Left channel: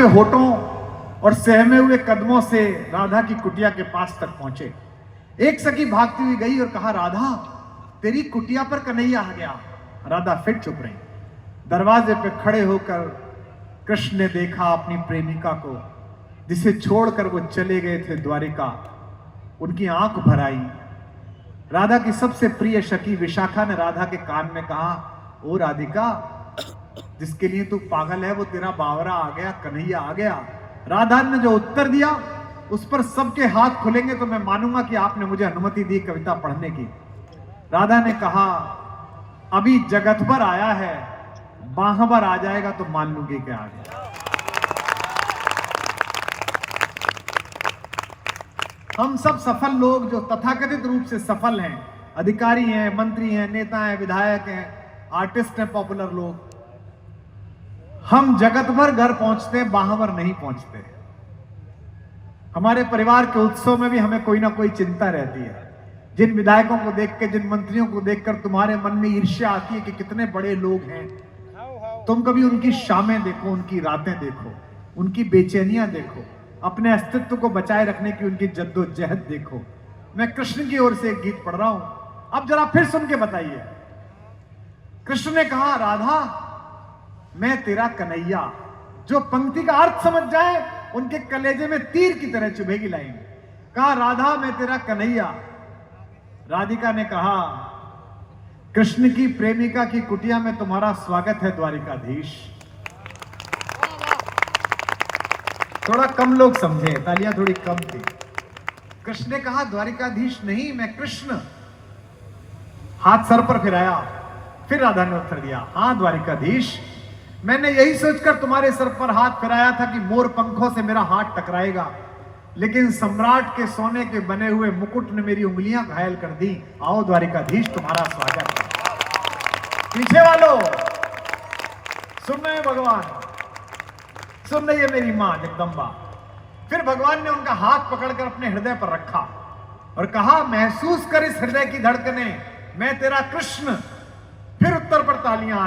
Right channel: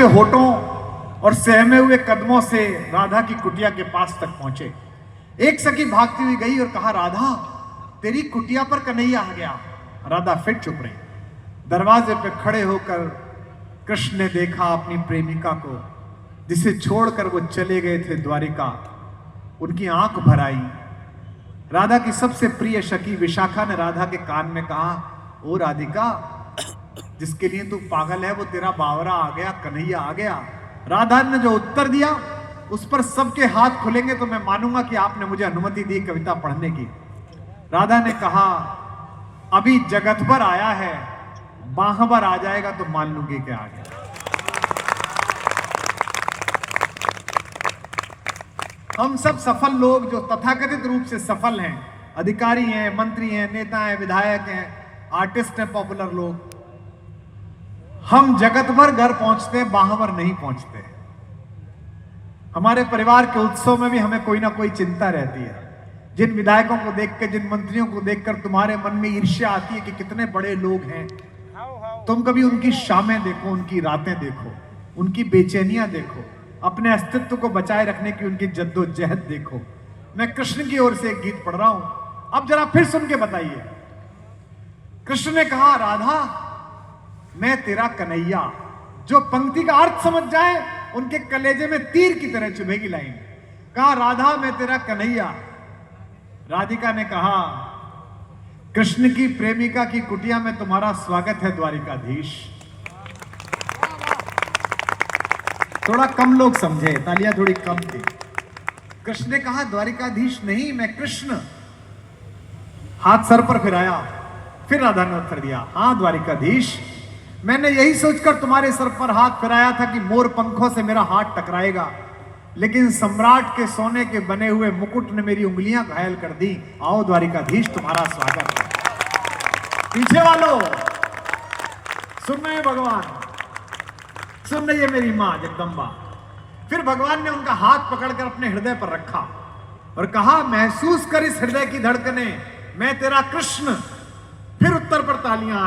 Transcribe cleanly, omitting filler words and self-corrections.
हुए होठों और सहमे हुए कदमों से राधा की कुटिया के पास तक पहुंचे। एक सखी भागती हुई गई और कहा, राधा तेरी कुटिया पर कन्हैया आ गया। राधा फिर चुप रही। दरवाजे पे खड़े होकर कृष्ण ने देखा अपनी प्रेमिका को, जिसे छोड़कर वो चले गए थे द्वारिका। उनकी आंख भर आई। राधा की सबसे प्रिय सखी विशाखा ने राधा के कान में कहा, ओ राधिका, जिसके लिए तू पागल है वो तेरा बावरा आ गया, कन्हैया आ गया। राधा ने जो उत्तर दिया उस पर सबके हाथ खुलेंगे तो मैं मानूंगा कि आपने मुझे अनुमति दी कविता पढ़ने की। राधा ने कहा, अभी जगत भर आया है, बाह भर आ जाएगा तो मान लूंगी क्या आ गया। हम सब सफल लोग जो तथाकथित रूप से सफल हैं, अधिकारी हैं, मंत्री हैं, नेता हैं, विधायक हैं, आर्टिस्ट हैं, पॉपुलर लोग, हम जगत भर घर पहुंचते हैं, बाह भर नहीं पहुंचते। हमारे परिवार के उत्सव में भी हमें कोई ना कोई चिंता रहती है। जिन विधायकों को देखकर, जिन मंत्रियों को देखकर तुम्हारे मन में ईर्ष्या आती है कि कितने बड़े लोग हैं, तुम कभी उनकी शामें देखो, उनकी रातें देखो, उनकी बेचैनियां देखो, अपने अस्तित्व को बचाए रखने की उनकी जद्दोजहद देखो। मैं कृष्ण की ओर से एक गीत पढ़ रहा हूं, अब जरा फिर सुन के बताइए। कृष्ण ने कहा, राधा मैं तेरा कन्हैया। जो पंक्ति का अर्थ समझ जाए उनके कलेजे में तीर की तरह चुभेगी लाइन। कहा, राधा मैं तेरा कन्हैया। राधिका ने कहा, कृष्ण की प्रेमिका की कुटिया में तुम्हारा स्वागत है द्वारिकाधीश। थोड़ा कम लोग समझे, तालियां थोड़ी कम थी। कृष्ण ने कहा, द्वारिकाधीश नहीं, मैं कृष्ण। हाथ सर पर फिराया। फिर राधा ने उत्तर दिया, हां द्वारिकाधीश, मैंने यही सोचकर तुम्हारे सर पर हाथ फिराया था कि मोर पंखों से मेरा हाथ टकराएगा, लेकिन सम्राट के सोने के बने हुए मुकुट ने मेरी उंगलियां घायल कर दी। आओ द्वारिकाधीश, तुम्हारा स्वागत है। पीछे वालों सुन रहे हैं, भगवान सुन रही है, मेरी मां जगदम्बा। फिर भगवान ने उनका हाथ पकड़कर अपने हृदय पर रखा और कहा, महसूस कर इस हृदय की धड़कने, मैं तेरा कृष्ण। फिर उत्तर पर तालियां